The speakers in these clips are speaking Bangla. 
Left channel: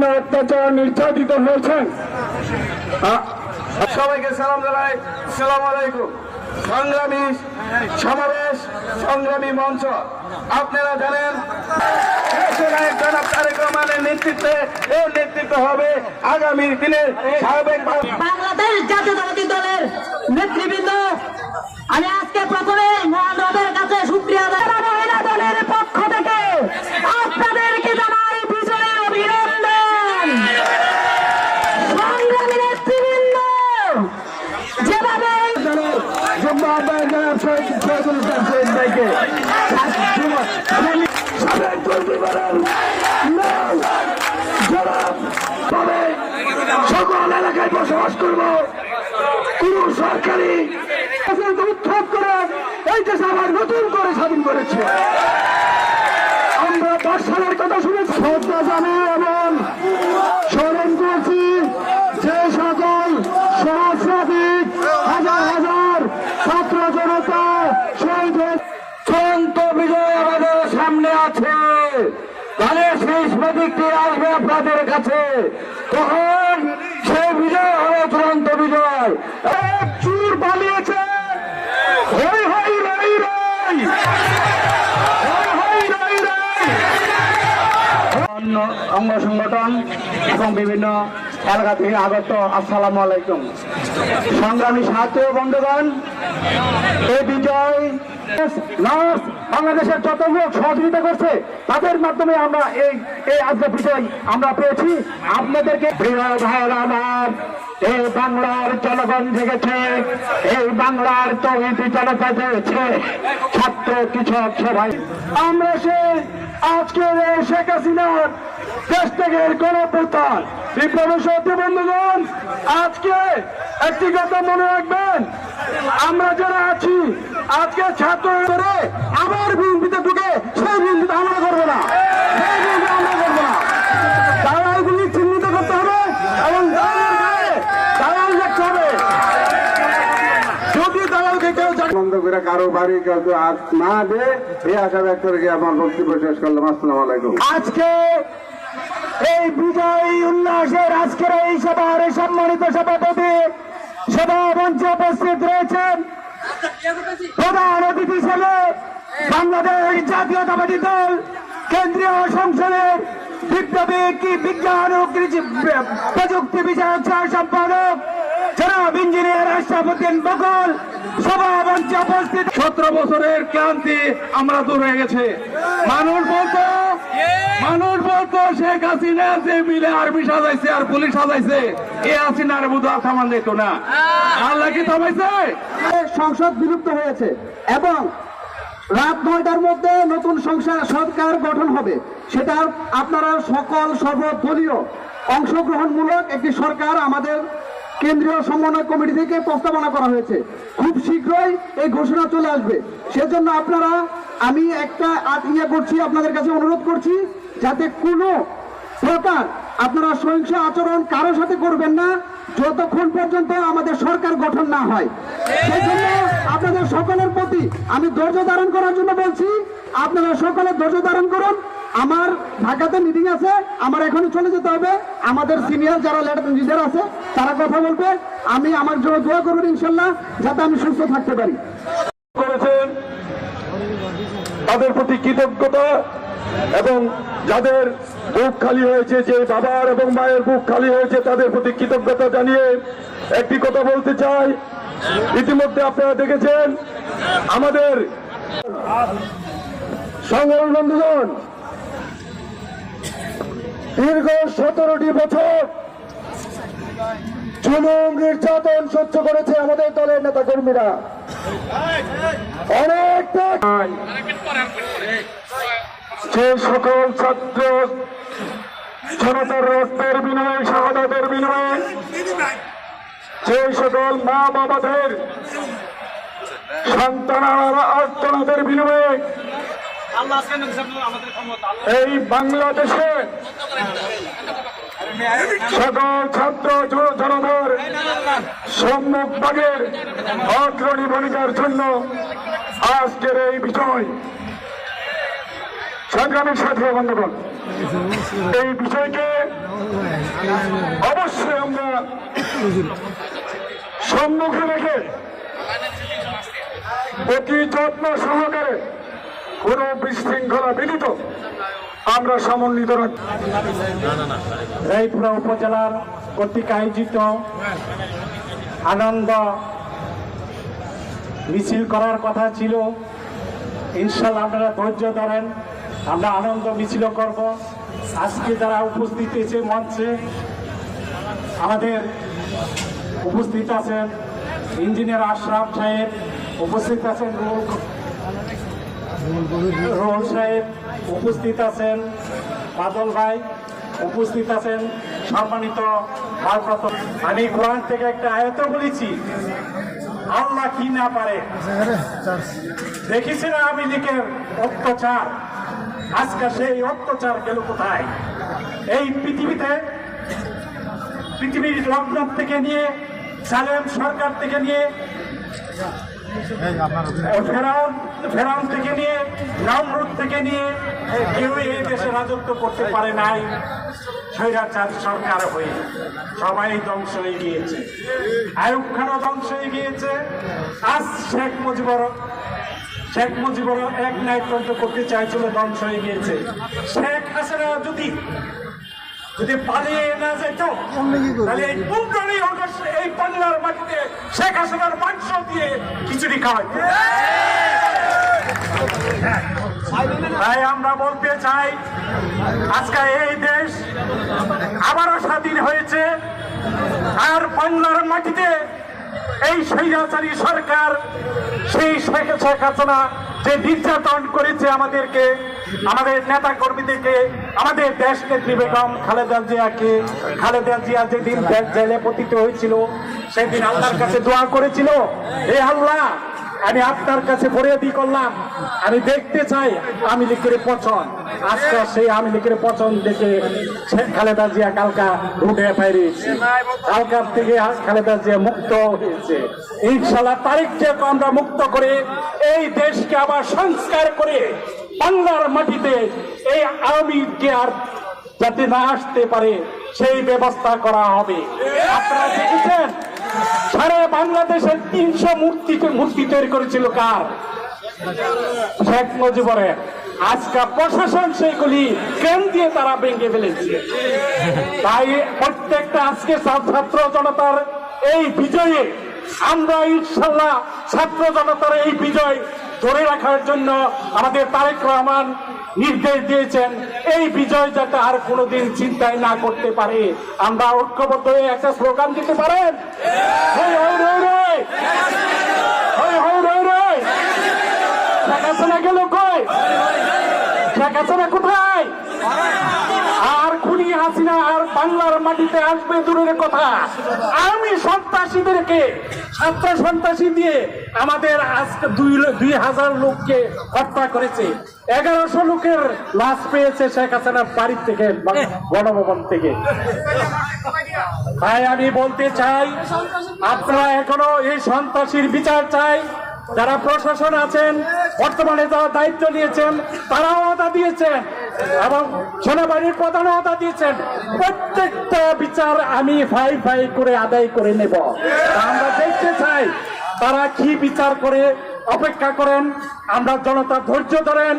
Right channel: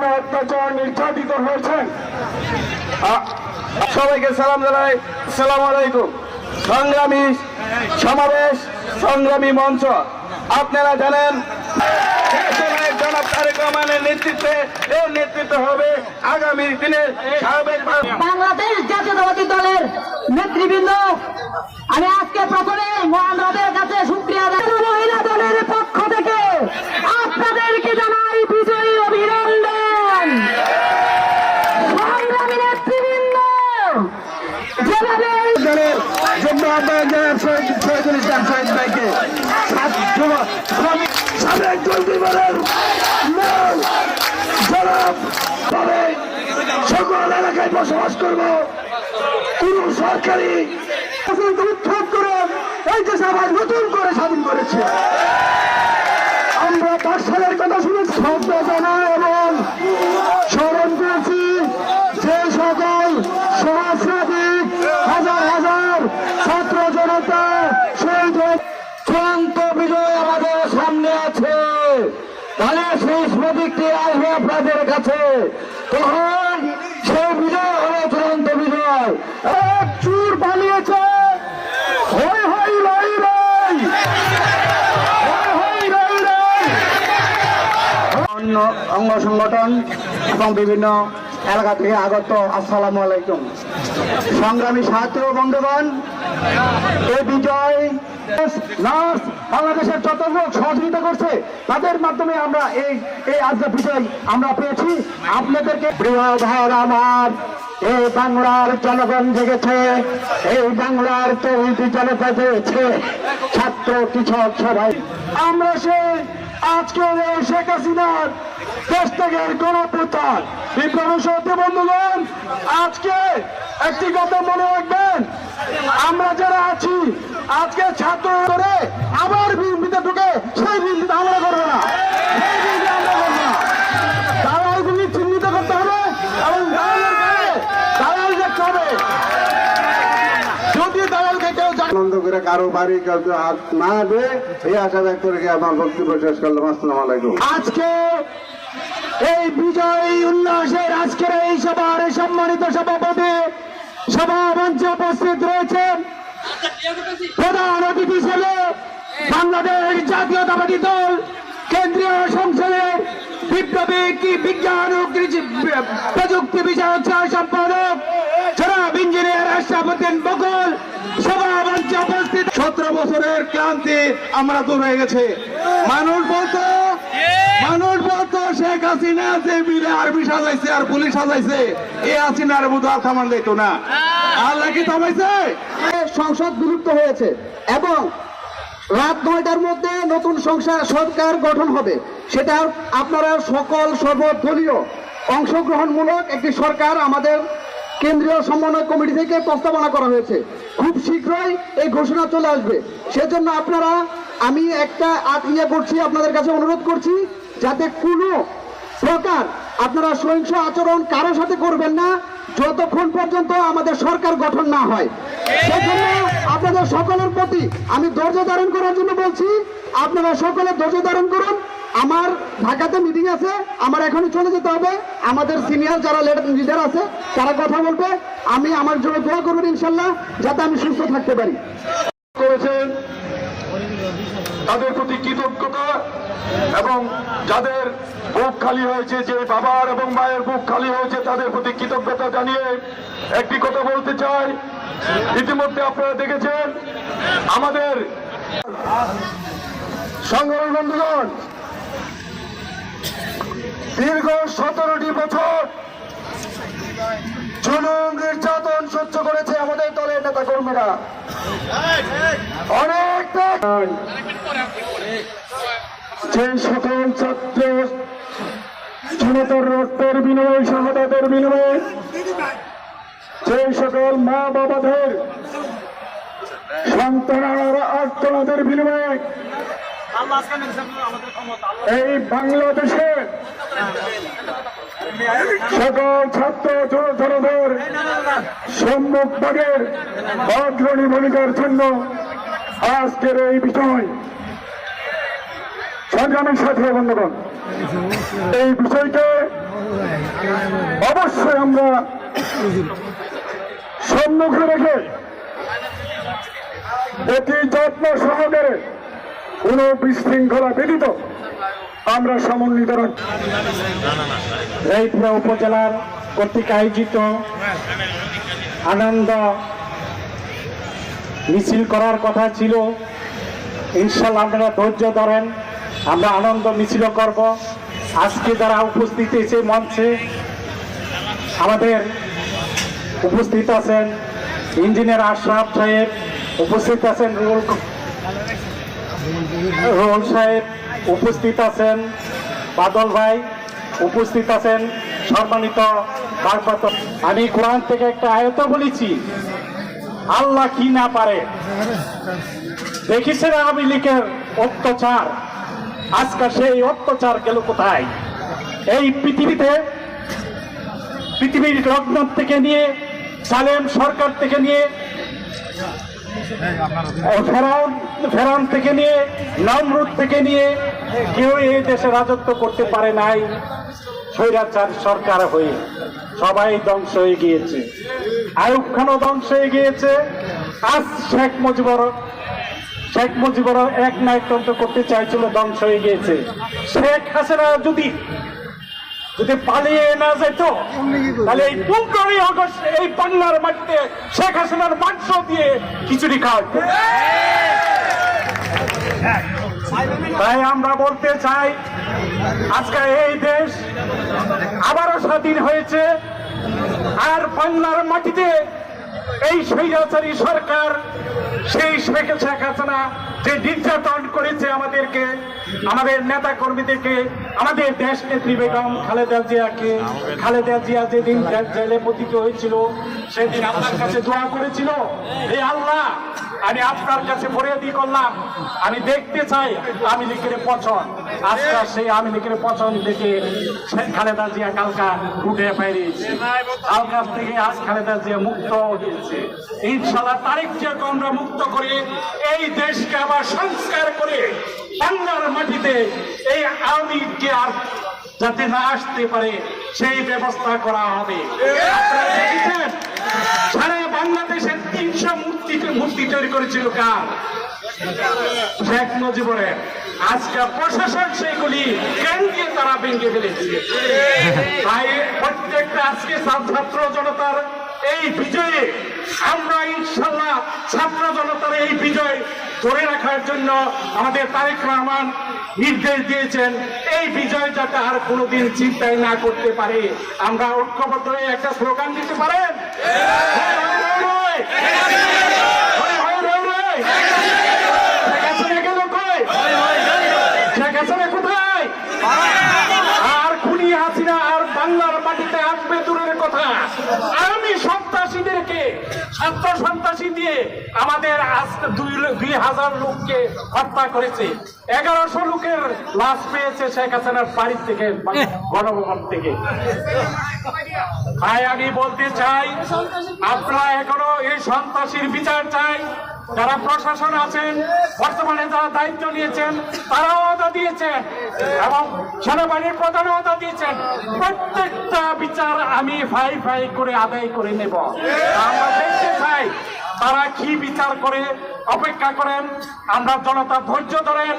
নির্মম অত্যাচার নির্যাতিত হয়েছেন সবাইকে সালাম জানাই। সালাম আলাইকুম। সংগ্রামী সমাবেশ, সংগ্রামী মঞ্চ। আপনারা জানেন আগামী দিনে বাংলাদেশ জাতীয়তাবাদী দলের নেতৃবৃন্দ। আমি আজকে প্রথমে মহানগরের কাছে সুপ্রিয়া মূল জনাব ভাবে সকল এলাকায় বসবাস করব কোন সরকারি উৎখাত করে এই দেশ আবার নতুন করে স্বাধীন করেছে আমরা পাঁচ সালের কথা শুনে শ্রদ্ধা জানাই এবং স্মরণ করেছি যে সকল সহস্রাধিক হাজার হাজার ছাত্র জনতা শহীদ হয়ে- চূড়ান্ত বিজয় আমাদের সামনে আছে তাহলে শেষ প্রতীকটি আসবে আপনাদের কাছে তখন সেই বিজয় হবে চূড়ান্ত বিজয় এক চুর পালিয়েছে হই হই রাই রাই হই হই রাই রাই অন্য অঙ্গ সংগঠন এবং বিভিন্ন এলাকা থেকে আগত আসসালামু আলাইকুম। সংগ্রামী সাহায্য বন্ধুগণ, এই বিজয় বাংলাদেশের যত লোক সহযোগিতা করছে, তাদের মাধ্যমে আমরা এই এই আজকে বিজয় আমরা পেয়েছি। আপনাদেরকে আমার, এই বাংলার জনগণ জেগেছে, এই বাংলার তৈরি জনতা জেগেছে। ছাত্র, কৃষক সবাই। আমরা সেই আজকে শেখ হাসিনার দেশ থেকে গণপ্রচার বিপ্লব সত্য বন্ধুগণ আজকে একটি কথা মনে রাখবেন। আমরা যারা আছি, আজকে ছাত্র করে আবার বিএনপিতে ঢুকে সেই বিএনপিতে আমরা করব না। আনন্দ করে কারও বাড়ি কাউকে হাত না দে এই আশা ব্যক্ত আমার বক্তব্য শেষ করলাম। আসসালামু আলাইকুম। আজকে এই বিজয় উল্লাসের আজকের এই সভার সম্মানিত সভাপতি সভা মঞ্চে উপস্থিত রয়েছেন প্রধান অতিথি হিসেবে বাংলাদেশ জাতীয়তাবাদী দল, কেন্দ্রীয় সংসদের বিপ্লবী বিজ্ঞান ও কৃষি প্রযুক্তি বিষয়ক সহ সম্পাদক জনাব ইঞ্জিনিয়ার আশরাফুদ্দিন বকল সভা মঞ্চে বছরের ক্লান্তি আমরা দূর হয়ে গেছে। মানুষ বলতো মানুষ বলতো, শেখ হাসিনা যে মিলে আর্মি সাজাইছে আর পুলিশ সাজাইছে, এ হাসিনার বুধ আর খামান দিত না। আল্লাহ কি থামাইছে? সংসদ বিলুপ্ত হয়েছে এবং রাত নয়টার মধ্যে নতুন সংসার সরকার গঠন হবে। সেটা আপনারা সকল সর্বদলীয় অংশগ্রহণমূলক একটি সরকার আমাদের কেন্দ্রীয় সমন্বয় কমিটি থেকে প্রস্তাবনা করা হয়েছে। খুব শীঘ্রই এই ঘোষণা চলে আসবে। সেজন্য আপনারা, আমি একটা ইয়ে করছি, আপনাদের কাছে অনুরোধ করছি, যাতে কোনো প্রকার আপনারা সহিংস আচরণ কারোর সাথে করবেন না, যতক্ষণ পর্যন্ত আমাদের সরকার গঠন না হয়। আপনাদের সকলের প্রতি আমি ধৈর্য ধারণ করার জন্য বলছি, আপনারা সকলে ধৈর্য ধারণ করুন। আমার ঢাকাতে মিটিং আছে, আমার এখনই চলে যেতে হবে। আমাদের সিনিয়র যারা লিডার আছে, তারা কথা বলবে। আমি আমার জন্য দোয়া করবেন ইনশাল্লাহ যাতে আমি সুস্থ থাকতে পারি। করেছেন। তাদের প্রতি কৃতজ্ঞতা এবং যাদের বুক খালি হয়েছে, যে বাবার এবং মায়ের বুক খালি হয়েছে, তাদের প্রতি কৃতজ্ঞতা জানিয়ে একটি কথা বলতে চাই। ইতিমধ্যে আপনারা দেখেছেন, আমাদের সংগ্রামী বন্ধুগণ দীর্ঘ সতেরোটি বছর জুলুম নির্যাতন সহ্য করেছে আমাদের দলের নেতা কর্মীরা অনেক যে সকল ছাত্র জনতার রক্তের বিনিময়ে, শাহাদাতের বিনিময়ে, যে সকল মা বাবাদের সন্তানারা আর্তনাদের বিনিময়ে এই বাংলাদেশে সকল ছাত্র জনজনদের সম্মুখ ভাগের অগ্রণী ভূমিকার জন্য আজকের এই বিষয় সংগ্রামের সাথে বন্ধুগণ, এই বিষয়কে অবশ্যই আমরা সম্মুখে রেখে অতি যত্ন সহকারে কোনো বিশৃঙ্খলা ব্যতীত আমরা সমন্বিত রায়পুরা উপজেলার কর্তৃক আয়োজিত আনন্দ মিছিল করার কথা ছিল। ইনশাল্লাহ আপনারা ধৈর্য ধরেন, আমরা আনন্দ মিছিল করব। আজকে যারা উপস্থিত এসে মঞ্চে আমাদের উপস্থিত আছেন, ইঞ্জিনিয়ার আশরাফ সাহেব উপস্থিত আছেন রুল রুল সাহেব উপস্থিত আছেন, বাদল ভাই উপস্থিত আছেন, সম্মানিত আমি কোরআন থেকে একটা আয়ত বলেছি, আল্লাহ কি না পারে? দেখেছেন আওয়ামী লীগের অত্যাচার? আজকে সেই অত্যাচার গেল কোথায়? এই পৃথিবীতে, পৃথিবীর লকডাউন থেকে নিয়ে, সালেম সরকার থেকে নিয়ে ফেরাউন থেকে নিয়ে, নামরুদ থেকে নিয়ে কেউ এই দেশে রাজত্ব করতে পারে নাই। স্বৈরাচার সরকার হয়ে সবাই ধ্বংস হয়ে গিয়েছে। আয়ুব খানও ধ্বংস হয়ে গিয়েছে। আজ শেখ মুজিবুর শেখ মুজিবুর এক নায়কতন্ত্র করতে চাইছিল, ধ্বংস হয়ে গিয়েছে। শেখ হাসিনা যদি যদি পালিয়ে না যেত তাহলে এই পনেরোই অগস্ট এই বাংলার মাটিতে শেখ হাসিনার মাংস দিয়ে খিচুড়ি খাওয়া। তাই আমরা বলতে চাই আজকে এই দেশ আবারও স্বাধীন হয়েছে আর বাংলার মাটিতে এই স্বৈরাচারী সরকার সেই শেখ শেখ হাসিনা যে নির্যাতন করেছে আমাদেরকে, আমাদের নেতা কর্মীদেরকে আমাদের দেশ নেত্রী বেগম খালেদা জিয়াকে, খালেদা জিয়া যেদিন জেলে পতিত হয়েছিল, সেদিন আল্লাহর কাছে দোয়া করেছিল, হে আল্লাহ আমি আপনার কাছে ফরিয়াদি করলাম। আমি দেখতে চাই আমি লিখের পছন্দ আজকে সেই আমি লিখের পছন্দ দেখে খালেদা জিয়া কালকা রুটে বেরিয়েছে কালকার থেকে খালেদা জিয়া মুক্ত হয়েছে। ইনশাল্লাহ তারিখকে আমরা মুক্ত করে এই দেশকে আবার সংস্কার করে বাংলার মাটিতে এই আওয়ামী লীগকে আর যাতে না আসতে পারে, সেই ব্যবস্থা করা হবে। আপনারা দেখেছেন? সারা বাংলাদেশের তিনশো মূর্তি মূর্তি তৈরি করেছিল কার? শেখ মুজিবুরের আজকে প্রশাসন সেগুলি কেন দিয়ে তারা ভেঙে ফেলেছে? তাই প্রত্যেকটা আজকে ছাত্র জনতার এই বিজয়ে আমরা ইনশাল্লাহ ছাত্র জনতার এই বিজয় ধরে রাখার জন্য আমাদের তারেক রহমান নির্দেশ দিয়েছেন এই বিজয় যাতে আর কোনোদিন চিন্তাই না করতে পারে আমরা ঐক্যবদ্ধ হয়ে একটা স্লোগান দিতে পারেন গেল কই সন্ত্রাসীদেরকে ছাত্র সন্ত্রাসী দিয়ে আমাদের আজকে দুই দুই হাজার লোককে হত্যা করেছে। এগারোশো লোকের লাশ পেয়েছে শেখ হাসিনার বাড়ির থেকে গণভবন থেকে। তাই আমি বলতে চাই, আপনারা এখনও এই সন্ত্রাসীর বিচার চাই। যারা প্রশাসন আছেন, বর্তমানে যারা দায়িত্ব নিয়েছেন, তারাও অদা দিয়েছেন এবং সেনাবাহিনীর প্রধানও অদা দিয়েছেন। প্রত্যেকটা বিচার আমি ফাই ফাই করে আদায় করে নেব। আমরা দেখতে চাই তারা কি বিচার করে অপেক্ষা করেন? আমরা জনতা ধৈর্য ধরেন,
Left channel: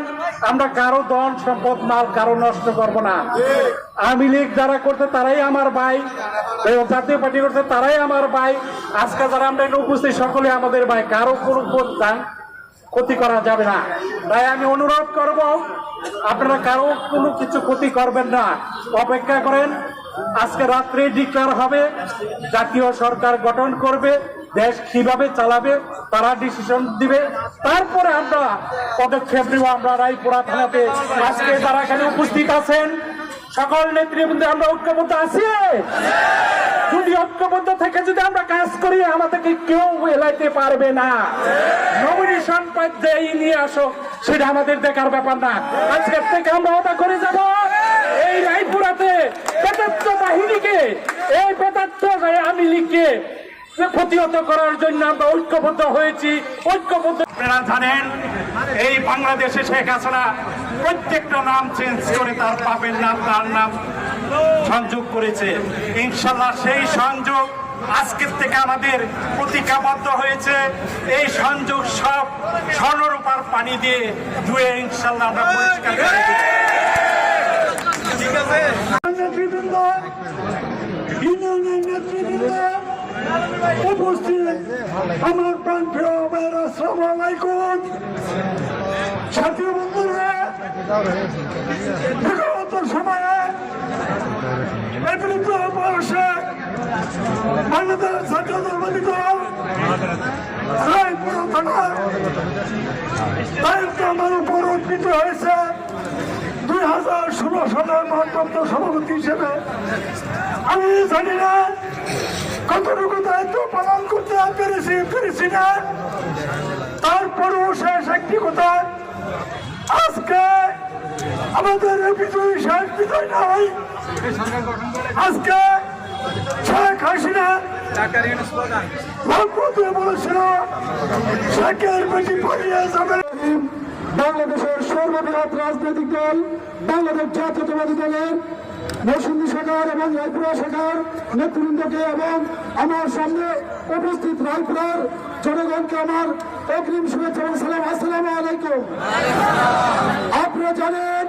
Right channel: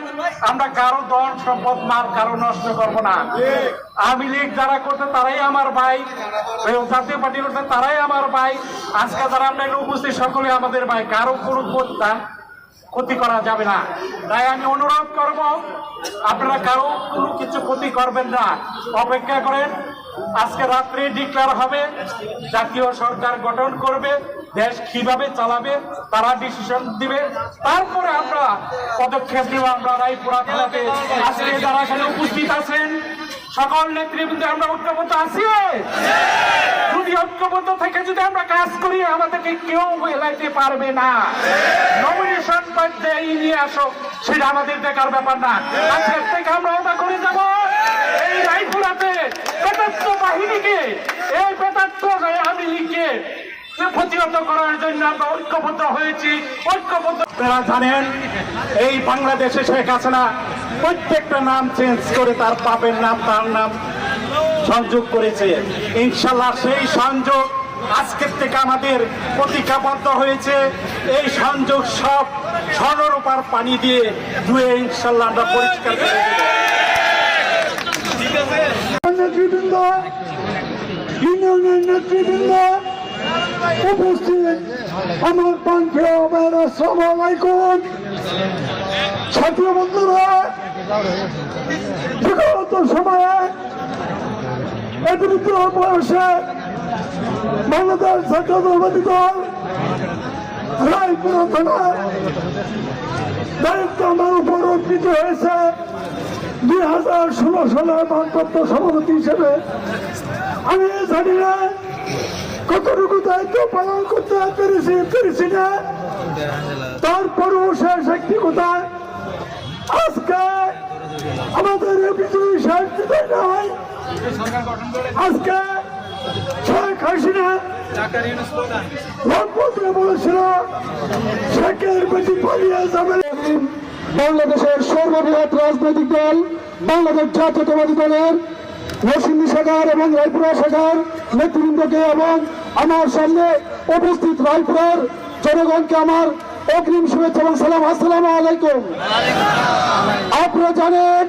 আমরা কারও ধন সম্পদ, মাল কারও নষ্ট করব না। আমি লীগ যারা করতে তারাই আমার ভাই। জাতীয় পার্টি করতে তারাই আমার ভাই। আজকে যারা আমরা উপস্থিত, সকলে আমাদের ভাই। কারও কোনো ক্ষতি করা যাবে না। তাই আমি অনুরোধ করব, আপনারা কারও কোনো কিছু ক্ষতি করবেন না। অপেক্ষা করেন, আজকে রাত্রে ডিক্লার হবে। জাতীয় সরকার গঠন করবে। দেশ কীভাবে চালাবে, তারা ডিসিশন দিবে। তারপরে আমরা পদক্ষেপ নেব, আমরা রায়পুরা থানাতে। আজকে তারা এখানে উপস্থিত আছেন, সকল নেতৃবৃন্দে, আমরা ঐক্যবদ্ধ আছি? যদি ঐক্যবদ্ধ থেকে যদি আমরা কাজ করি, আমাদেরকে কেউ এলাইতে পারবে না। নমিনেশন পর্যায়ে নিয়ে আসো, সেটা আমাদের দেখার ব্যাপার না। আজকের থেকে আমরা ওটা করে যাব। এই রায়পুরাতে বেতাত্ম বাহিনীকে, এই বেতাত্ম আমি লিখে প্রতিহত করার জন্য আমরা ঐক্যবদ্ধ হয়েছি, ঐক্যবদ্ধ আপনারা জানেন, এই বাংলাদেশে শেখ হাসিনা প্রত্যেকটা নাম চেঞ্জ করে তার বাপের নাম তার নাম সংযোগ করেছে। ইনশাল্লাহ সেই সংযোগ আজকের থেকে আমাদের প্রতিজ্ঞাবদ্ধ হয়েছে। এই সংযোগ সব স্বর্ণরূপার পানি দিয়ে ধুয়ে ইনশাল্লাহ আমরা পরিষ্কার নেতৃবৃন্দ উপস্থিত আমার পান্থেয় আসসালামু আলাইকুম ছাত্র বন্ধুরা বিগত সময়ে এই বয়সে বাংলাদেশ ছাত্র আমার হয়েছে। দুই হাজার ষোলো সালের ভারপ্রাপ্ত সভাপতি হিসেবে। আমি জানি না কতটুকু পালন করতে পেরেছি পেরেছি না। তারপরেও শেষ একটি কথা। আজকে আমাদের বিজয়ী শেষ বিজয় নয় আজকে শেখ হাসিনা বাংলাদেশের সর্ববৃহৎ রাজনৈতিক দল, বাংলাদেশ জাতীয়তাবাদী দলের নরসিংদী শাখার এবং রায়পুরা শাখার নেতৃবৃন্দকে এবং আমার সামনে উপস্থিত রায়পুরার জনগণকে আমার অগ্রিম শুভেচ্ছা এবং সালাম। আসসালামু আলাইকুম। আপনারা জানেন,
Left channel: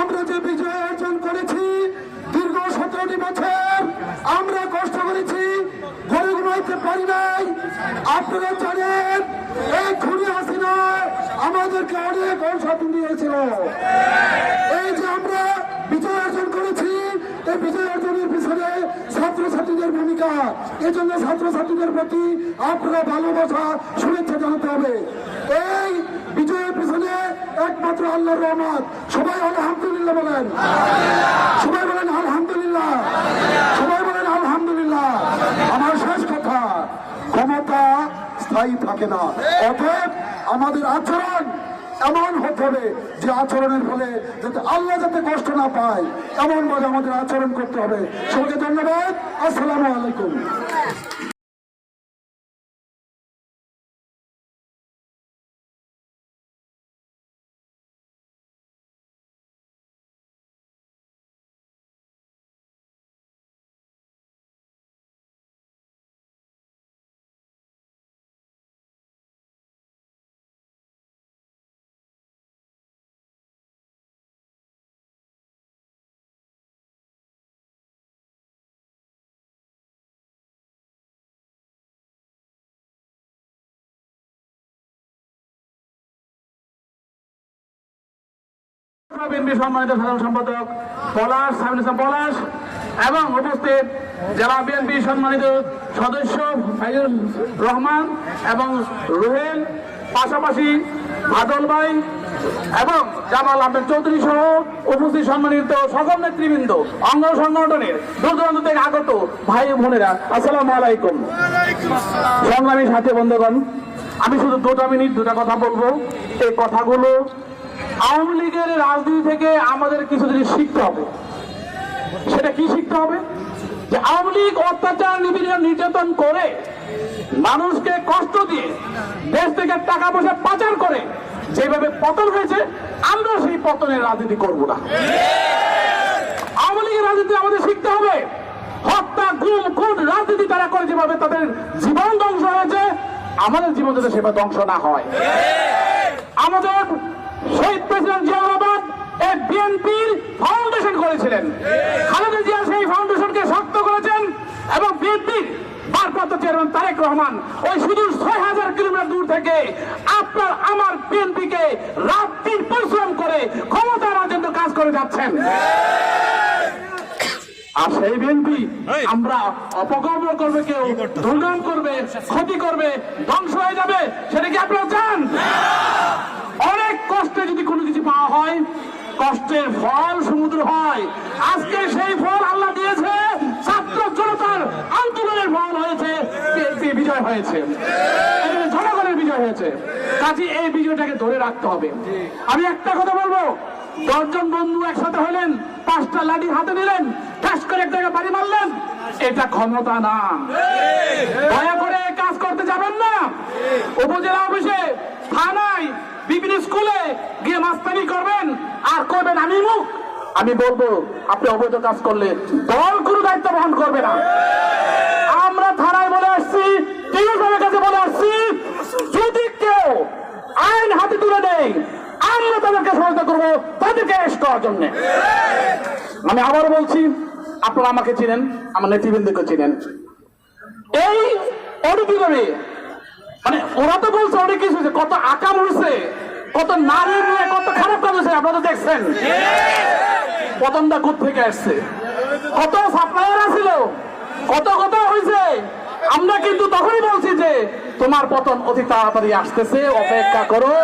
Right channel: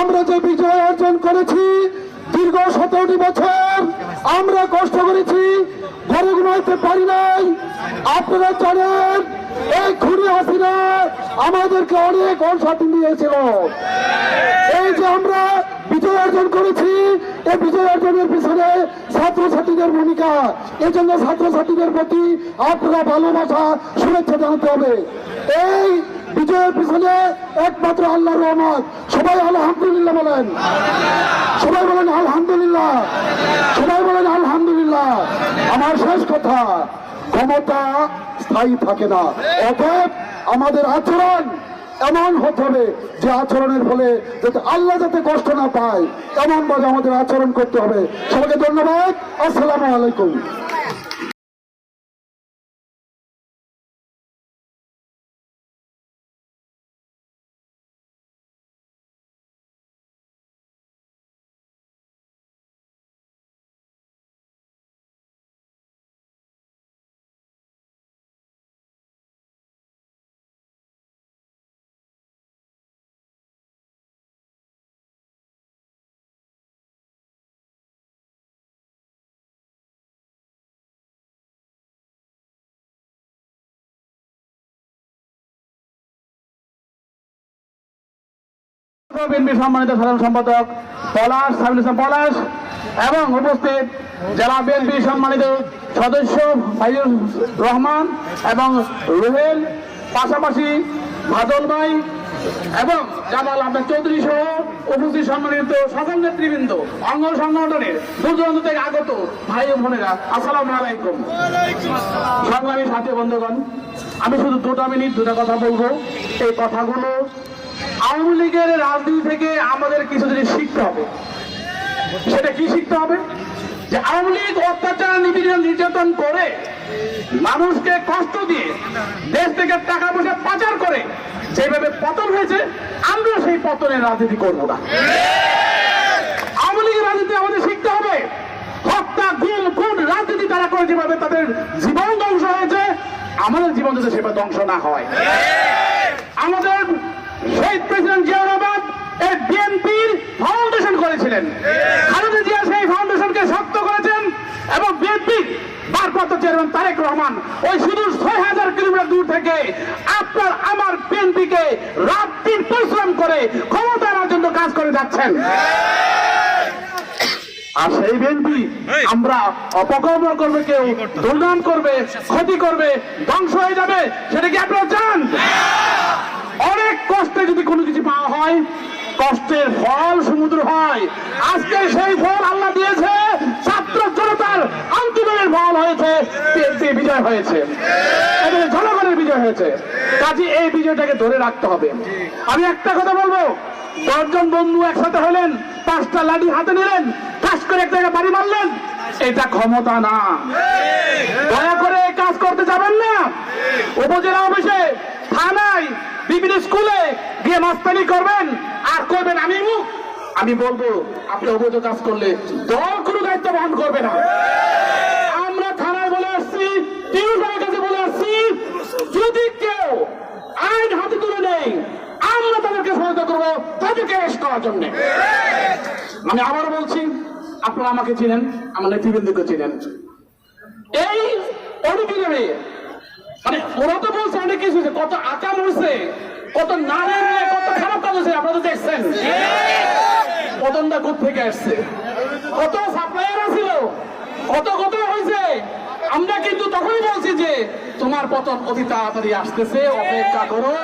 আমরা যে বিজয় অর্জন করেছি, দীর্ঘ সতেরোটি বছর আমরা কষ্ট করেছি, ঘরে ঘুমাইতে পারি নাই। আপনারা জানেন, এই খুনি হাসিনা আমাদেরকে অনেক অনসাধন দিয়েছিল। এই যে আমরা বিজয় অর্জন করেছি এই বিজয় অর্জনের পিছনে ছাত্রছাত্রীদের ভূমিকা। এই জন্য ছাত্রছাত্রীদের প্রতি আপনারা ভালোবাসা, শুভেচ্ছা জানাতে হবে। এই বিজয়ের পিছনে একমাত্র আল্লাহর রহমত। সবাই আলহামদুলিল্লাহ বলেন। সবাই বলেন আলহামদুলিল্লাহ। সবাই বলেন আলহামদুলিল্লাহ। আমার শেষ কথা, ক্ষমতা স্থায়ী থাকে না। অতএব আমাদের আচরণ এমন হতে হবে যে আচরণের ফলে যাতে আল্লাহ যাতে কষ্ট না পায়, এমন ভাবে আমাদের আচরণ করতে হবে। সবাইকে ধন্যবাদ। আসসালামু আলাইকুম। বিএনপি সম্মানিত সাধারণ সম্পাদক পলাশ সাইফুল ইসলাম পলাশ, এবং উপস্থিত জেলা বিএনপি সম্মানিত সদস্য ফাইজুর রহমান এবং রুহেল, পাশাপাশি বাদল ভাই এবং জামাল আহমেদ চৌধুরী সহ উপস্থিত সম্মানিত সকল নেতৃবৃন্দ, অঙ্গ সংগঠনের দূর দূরান্ত থেকে আগত ভাই বোনেরা, আসসালামু আলাইকুম। সংগ্রামী সাথে বন্ধুগণ, আমি শুধু দুটো মিনিট দুটো কথা বলব। এই কথাগুলো আওয়ামী লীগের রাজনীতি থেকে আমাদের কিছু জিনিস শিখতে হবে। সেটা কি শিখতে হবে? যে আওয়ামী লীগ অত্যাচার, নিপীড়ন, নির্যাতন করে মানুষকে কষ্ট দিয়ে দেশ থেকে টাকা পয়সা পাচার করে যেভাবে পতন হয়েছে, আমরা সেই পতনের রাজনীতি করব না। আওয়ামী লীগের রাজনীতি আমাদের শিখতে হবে। হত্যা, গুম, খুন রাজনীতি তারা করে যেভাবে তাদের জীবন ধ্বংস হয়েছে, আমাদের জীবন যাতে সেভাবে ধ্বংস না হয়। আমাদের শহীদ প্রেসিডেন্ট জিয়াউর রহমান এই বিএনপির ফাউন্ডেশন করেছিলেন। খালেদা জিয়া সেই ফাউন্ডেশনকে শক্ত করেছেন এবং বিএনপির ভারপ্রাপ্ত চেয়ারম্যান তারেক রহমান ওই সুদূর ছয় হাজার কিলোমিটার দূর থেকে আপনার আমার বিএনপিকে রাত দিন পরিশ্রম করে ক্ষমতা আনার জন্য কাজ করে যাচ্ছেন। আর সেই বিএনপি আমরা অপকর্ম করবে কেউ দুর্নাম করবে ক্ষতি করবে ধ্বংস হয়ে যাবে সেটা কি আপনারা চান অনেক কষ্টে যদি কোনো কিছু পাওয়া হয় কষ্টের ফল সমুদ্র হয়। আজকে সেই ফল আল্লাহ দিয়েছে ছাত্র জনতার আন্দোলনের ফল হয়েছে বিজয় হয়েছে। জনগণের বিজয় হয়েছে। কাজে এই বিজয়টাকে ধরে রাখতে হবে। আমি একটা কথা বলব দশজন বন্ধু একসাথে হলেন পাঁচটা লাঠি হাতে নিলেন কাজ করে এক জায়গায় বাড়ি মারলেন এটা ক্ষমতা না। দয়া করে কাজ করতে যাবেন না। উপজেলা অফিসে বিভিন্ন স্কুলে গিয়ে মাস্তানি করবেন আর করবেন আমি মুখ। আমি বলব, আপনি অবৈধ কাজ করলে দল কোনো দায়িত্ব বহন করবে না। আমরা থানায় বলে আসছি টিউশনের কাছে বলে আসছি, যদি কেউ আইন হাতে তুলে নেই আমরা তাদেরকে সহায়তা করব, তাদেরকে অ্যারেস্ট করার জন্য। আমি আবার বলছি, আপনারা আমাকে চিনেন, আমার নেতৃবৃন্দকে চিনেন। এই অডিটোরিয়ামে মানে ওরা তো বলছে অনেক কিছু কত আঁকা হয়েছে, কত নারী কত খারাপ কাজ হয়েছে, আপনারা তো দেখছেন। পতনটা থেকে আসছে? কত সাপ্লায়ার আছিল কত কত হয়েছে। আমরা কিন্তু তখনই বলছি যে, তোমার পতন অতি তাড়াতাড়ি আসতেছে, অপেক্ষা করো।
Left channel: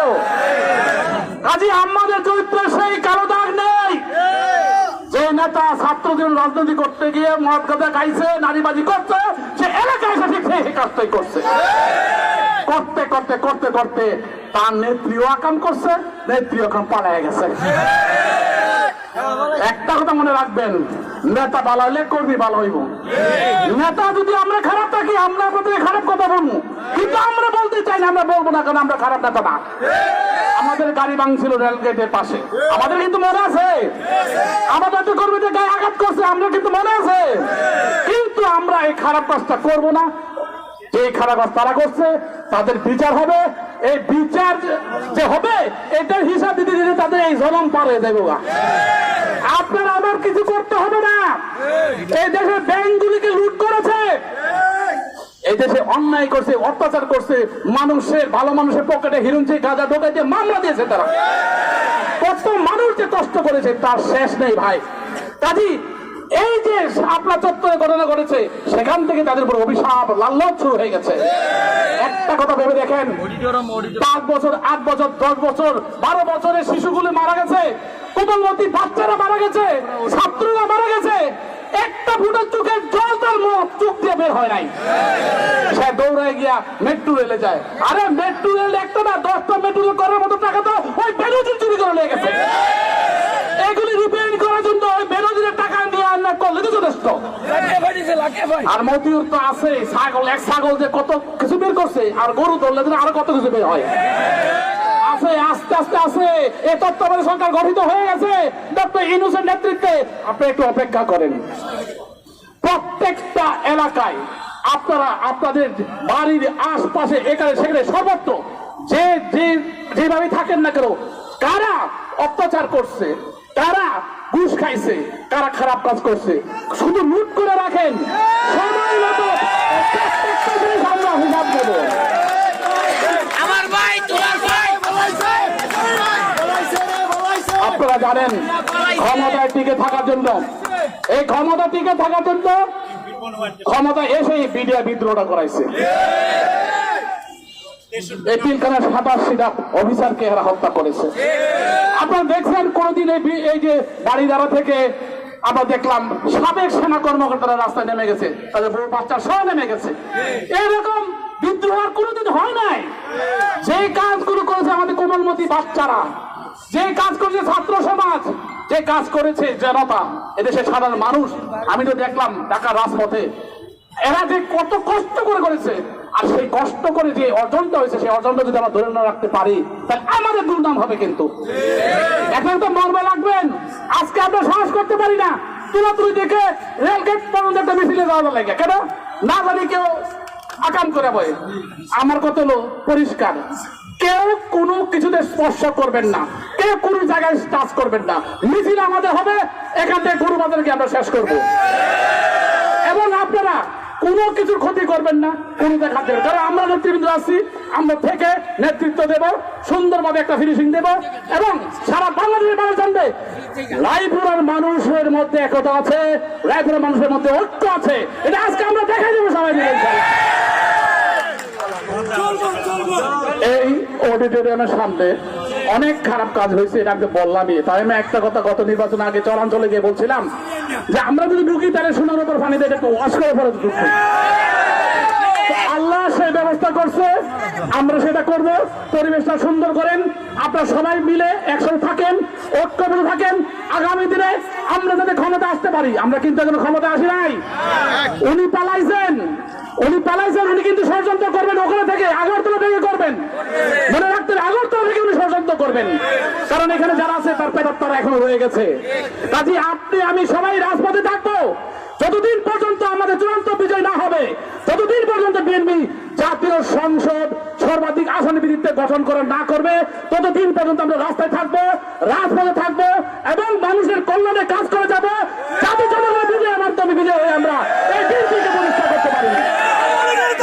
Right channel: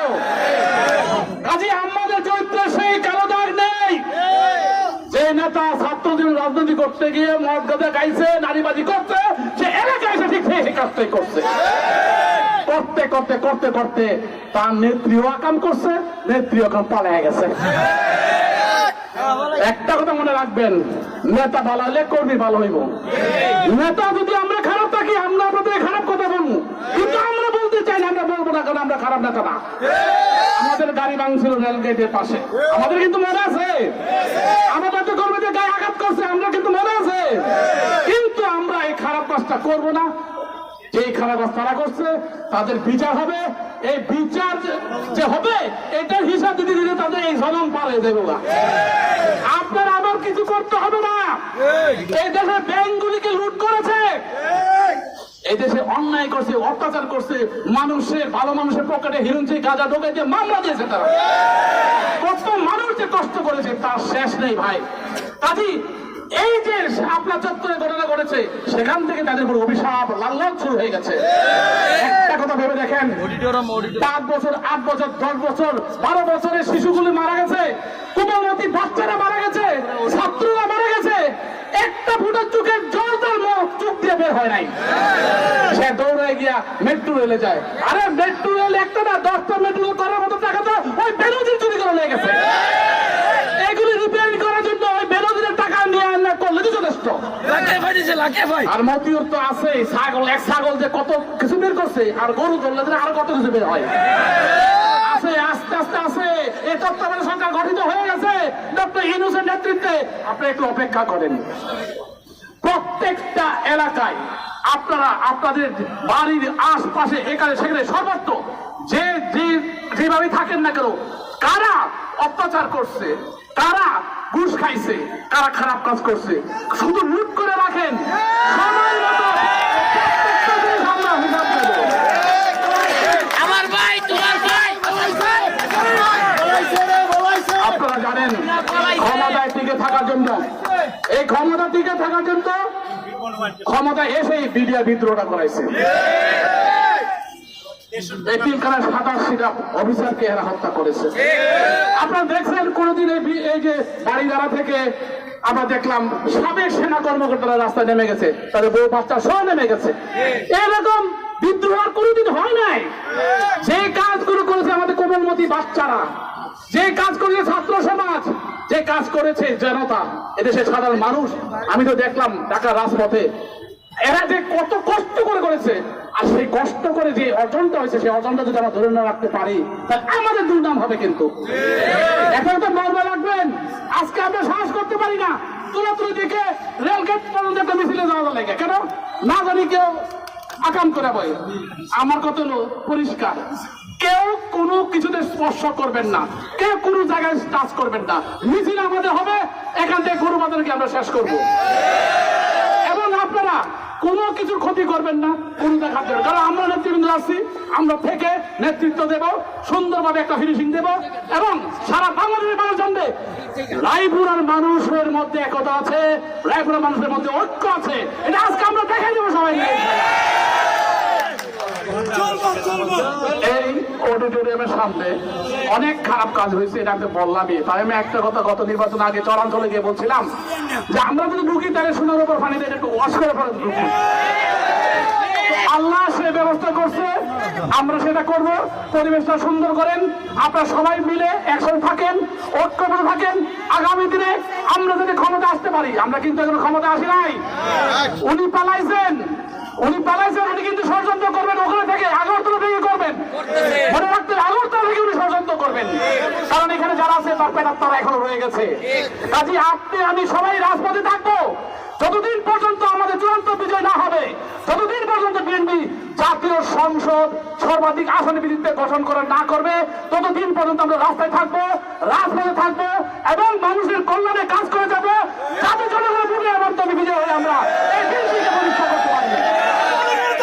কাজে আমাদের চরিত্রে সেই কালো দাগ নেই। যে নেতা ছাত্রদের রাজনীতি করতে গিয়ে মদ গাদা গাইছে নারীবাজি করছে, সে এলাকায় এসে ঠিক সেই কাজটাই করছে। করতে করতে করতে করতে তার নেত্রীও আকাম করছে নেত্রীও আকাম পালায় গেছে। একটা কথা মনে রাখবেন, নেতা ভালো হইলে কর্মী ভালো হইব। নেতা যদি আমরা খারাপ থাকি, আমরা আপনাদের খারাপ কথা বলব। কিন্তু আমরা বলতে চাই না, আমরা বলব না, কারণ আমরা খারাপ নেতা না। আমাদের গাড়ি ভাঙছিল রেল গেটের পাশে। আমাদের কিন্তু মনে আছে। আমাদের তো কর্মীদের গায়ে আঘাত করছে, আমরা কিন্তু মনে আছে। কিন্তু আমরা এই খারাপ কাজটা করব না। যে খারাপ তারা করছে, তাদের বিচার হবে। এই বিচার যে- হবে এটার হিসাব দিতে দিতে তাদের এই জনম পার যাবে আপনার আবার কিছু করতে হবে না। এই দেশের ব্যাংকগুলিকে লুট করেছে। এই দেশে অন্যায় করছে, অত্যাচার করছে। মানুষের ভালো মানুষের পকেটে হিরুঞ্চি গাঁজা ঢোকাই দিয়ে মামলা দিয়েছে তারা। কত মানুষ যে কষ্ট করেছে, তার শেষ নেই ভাই। কাজী এই যে আপনার চত্বরে ঘটনা করেছে সেখান থেকে তাদের উপর অভিশাপ লাল্লাচ শুরু হয়ে গেছে। একটা কথা ভেবে দেখেন পাঁচ বছর আট বছর দশ বছর বারো বছরের শিশুগুলি মারা গেছে কোমলমতি বাচ্চারা মারা গেছে ছাত্ররা মারা গেছে একটা ফুটের চোখের জল তার মুখ চোখ দিয়ে বের হয় নাই। সে দৌড়ে গিয়া মেট্রো রেলে যায়। আরে মেট্রো রেল একটা না দশটা মেট্রো রেল করার মতো টাকা তো ওই বেরোজি চুরি করে নিয়ে গেছে। এগুলি রিপেয়ারিং করার জন্য ওই বেরোজির টাকা নিয়ে আনা করলে তো যথেষ্ট। আর মতিউর তো আছে ছাগল এক ছাগল যে কত কিছু বের করছে আর গরু ধরলে আরও কত কিছু বের হয়। আছে আস্তে আস্তে আছে। এই তত্ত্বাবধায়ক সরকার গঠিত হয়ে গেছে। ডক্টর ইনুসের নেতৃত্বে। আপনি একটু অপেক্ষা করেন। প্রত্যেকটা এলাকায় আপনারা আপনাদের বাড়ির আশপাশে এখানে সেখানে সর্বত্র যে যে যেভাবে থাকেন না কেন কারা অত্যাচার করছে কারা ঘুষ খাইছে কারা খারাপ কাজ করছে। শুধু লুট করে রাখেন সময় মতো আমরা হিসাব দেবো। আপনারা জানেন ক্ষমতায় টিকে থাকার জন্য এই ক্ষমতা টিকে থাকার জন্য ক্ষমতা এসে বিডিয়া বিদ্রোহটা করাইছে। এতিমখানার সাতাশিটা অফিসারকে এরা হত্যা করেছে? আপনারা দেখছেন কোনদিন এই এই যে বাড়িদারা থেকে আমরা দেখলাম সাবেক সেনা কর্মকর্তারা রাস্তায় নেমে গেছে, তাদের বউ বাচ্চা নেমে গেছে। এইরকম বিদ্রোহ কোনোদিন হয় নাই। যে কাজগুলো করেছে আমাদের কোমলমতি বাচ্চারা, যে কাজ করেছে ছাত্র সমাজ, যে কাজ করেছে জনতা, এদেশের সাধারণ মানুষ। আমি তো দেখলাম ঢাকা রাজপথে এরা যে কত কষ্ট করে করেছে আর সেই কষ্ট করে যে অর্জনটা হয়েছে, সেই অর্জনটা যদি আমরা ধরে না রাখতে পারি, তাহলে আমাদের দুর্নাম হবে কিন্তু। এখন তো মর্মা রাখবেন, আজকে আমরা সাহস করতে পারি না। তুলাতুলি দেখে রেলগেট পর্যন্ত একটা মিছিলে যাওয়া লাগে। কেন? না জানি কেউ আকাম করে বয়। আমার কত হলো পরিষ্কার। কেউ কোনো কিছুতে স্পর্শ করবেন না। কেউ কোনো জায়গায় টাচ করবেন না। মিছিল আমাদের হবে, এখান থেকে গরু বাজারকে আমরা শেষ করব। এবং আপনারা কোনো কিছুর ক্ষতি করবেন না, কোনো দেখা দেবে কারণ আমরা নেতৃবৃন্দ আছি, আমরা থেকে নেতৃত্ব দেব, সুন্দরভাবে একটা ফিনিশিং দেব এবং সারা বাংলাদেশের মানুষ জানবে রায়পুরার মানুষের মধ্যে একতা আছে রায়পুরার মানুষের মধ্যে ঐক্য আছে। এটা আজকে আমরা দেখাই দেবো সবাই মিলে। এই অডিটোরিয়ামের সামনে অনেক খারাপ কাজ হয়েছে, এটা আমি বললামই। তাই আমি একটা কথা, গত নির্বাচন আগে চলাঞ্চলে গিয়ে বলছিলাম যে, আমরা যদি ঢুকি তাহলে সোনার উপর পানি দিয়ে একটু ওয়াশ করে পরে ঢুকবো তো আল্লাহ সে ব্যবস্থা করছে, আমরা সেটা করব। পরিবেশটা সুন্দর করেন, আপনারা সবাই মিলে একসাথে থাকেন ঐক্যবদ্ধ থাকেন। আগামী দিনে আমরা যাতে ক্ষমতা আসতে পারি, আমরা কিন্তু এখন ক্ষমতা আসি নাই। উনি পালাইছেন। উনি পালাইছেন উনি কিন্তু ষড়যন্ত্র করবেন ওখানে থেকে আগরতলা থেকে করবেন। মনে রাখতে হবে, আগরতলা থেকে উনি ষড়যন্ত্র করবেন। কারণ এখানে যারা আছে তার পেটার তারা এখনও রয়ে গেছে। কাজে আপনি আমি সবাই রাজপথে থাকব। যতদিন পর্যন্ত আমাদের চূড়ান্ত বিজয় না হবে ততদিন পর্যন্ত বিএনপি জাতীয় সংসদ সর্বাধিক আসন ভিত্তিতে গঠন করে না করবে ততদিন পর্যন্ত আমরা রাস্তায় থাকব রাজপথে থাকব এবং মানুষের কল্যাণে কাজ করে যাব। যাতে জনগণের বিজয় আমার তবে বিজয় হয়ে আমরা এই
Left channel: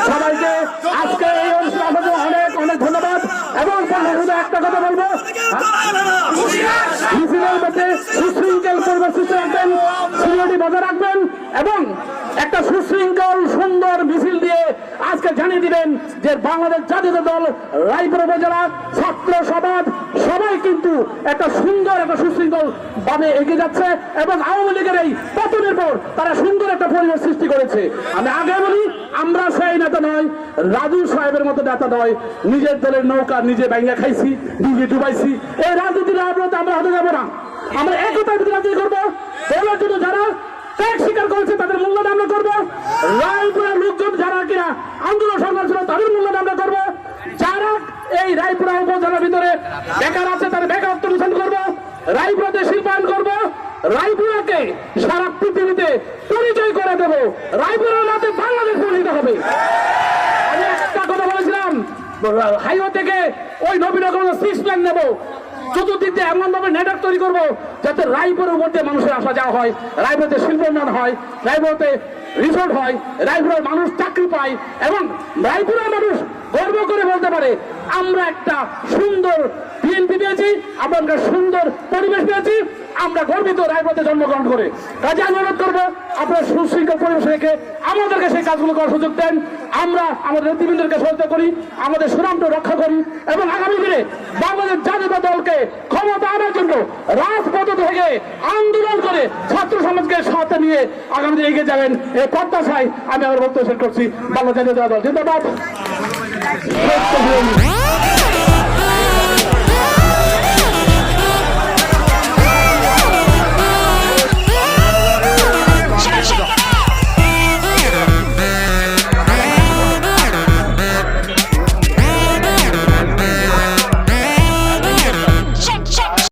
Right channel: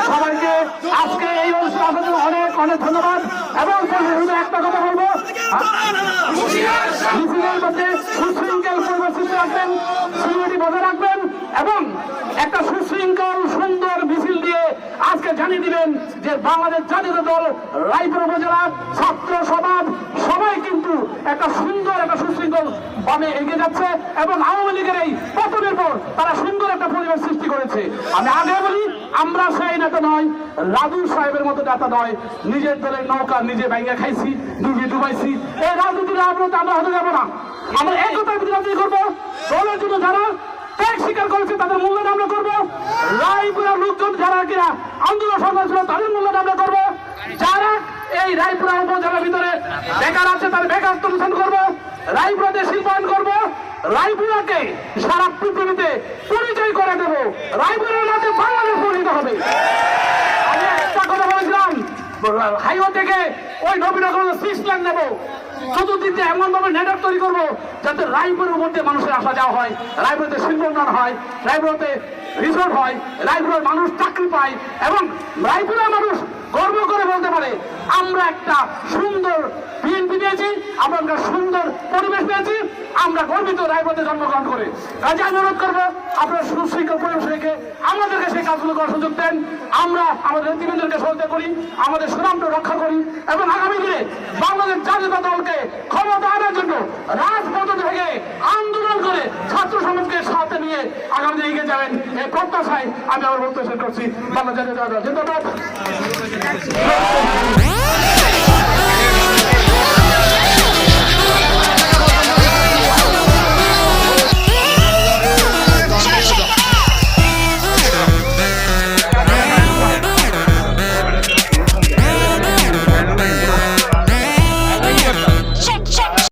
সবাইকে আজকে এই অনুষ্ঠানে অনেক অনেক ধন্যবাদ। এবং পরিশেষে একটা কথা বলব। সুশৃঙ্খল পরিবেশ রাখবেন বজায় রাখবেন, এবং একটা সুশৃঙ্খল, সুন্দর দিয়ে আজকে জানিয়ে দিবেন যে বাংলাদেশ জাতীয় দল রায়পুর উপজেলা ছাত্র সমাজ, সবাই কিন্তু একটা সুন্দর একটা সুশৃঙ্খল ভাবে এগিয়ে যাচ্ছে এবং আওয়ামী লীগের এই পতনের পর তারা সুন্দর একটা পরিবেশ সৃষ্টি করেছে। আমি আগে বলি, আমরা সেই নেতা নয়, রাজু সাহেবের মতো নেতা নয়, নিজের দলের নৌকা নিজে ব্যাঙ্গা খাইছি, নিজে ডুবাইছি। এই রাজনীতির রাজনীতি আমরা হতে যাব না। আমরা একতার ভিত্তি রাজনীতি করব। দলের জন্য যারা ত্যাগ স্বীকার করেছে, তাদের মূল্যায়ন আমরা করব রায়পুরা লোকজন যারা কিনা আন্দোলন সংগ্রাম ছিল, তাদের মূল্যায়ন আমরা করব। যারা এই রায়পুরা উপজেলার ভিতরে বেকার আছে, তার বেকারত্ব মিশন করব, রায়পুরাতে শিল্পায়ন করব, রায়পুরাকে সারা পৃথিবীতে পরিচয় করে দেবো। রায়পুরের মধ্যে বাংলাদেশ পরিণত হবে। আমি একটা কথা বলেছিলাম, হাইওয়ে থেকে ওই নবীনগর সিক্স প্ল্যান নেব। চতুর্দিকে এমন ভাবে নেটওয়ার্ক তৈরি করব, যাতে রায়পুরের মধ্যে মানুষের আসা যাওয়া হয়, রায়পুরতে শিল্প উন্নয়ন হয়, রায়পুরতে রিসোর্ট হয় রায়পুরের মানুষ চাকরি পায় এবং রায়পুরের মানুষ গর্ব করে বলতে পারে, আমরা একটা সুন্দর বিএনপি পেয়েছি, আমরা একটা সুন্দর পরিবেশ পেয়েছি, আমরা গর্বিত রায়পথে জন্মগ্রহণ করে। কাজে অনুরোধ করব, আপনার সুশৃঙ্খল পরিবেশ রেখে আমাদেরকে সেই কাজগুলো করার সুযোগ দেন। আমরা আমাদের নেতৃবৃন্দকে সহায়তা করি, আমাদের সুনামটা রক্ষা করি এবং আগামী দিনে বাংলাদেশ জাতীয় দলকে ক্ষমতা আনার জন্য রাজপথ থেকে আন্দোলন করে ছাত্র সমাজকে সাথে নিয়ে আগামী দিনে এগিয়ে যাবেন, এই প্রত্যাশায় আমি আমার বক্তব্য শেষ করছি। বাংলা জাতীয় দল, জিন্দাবাদ। Back.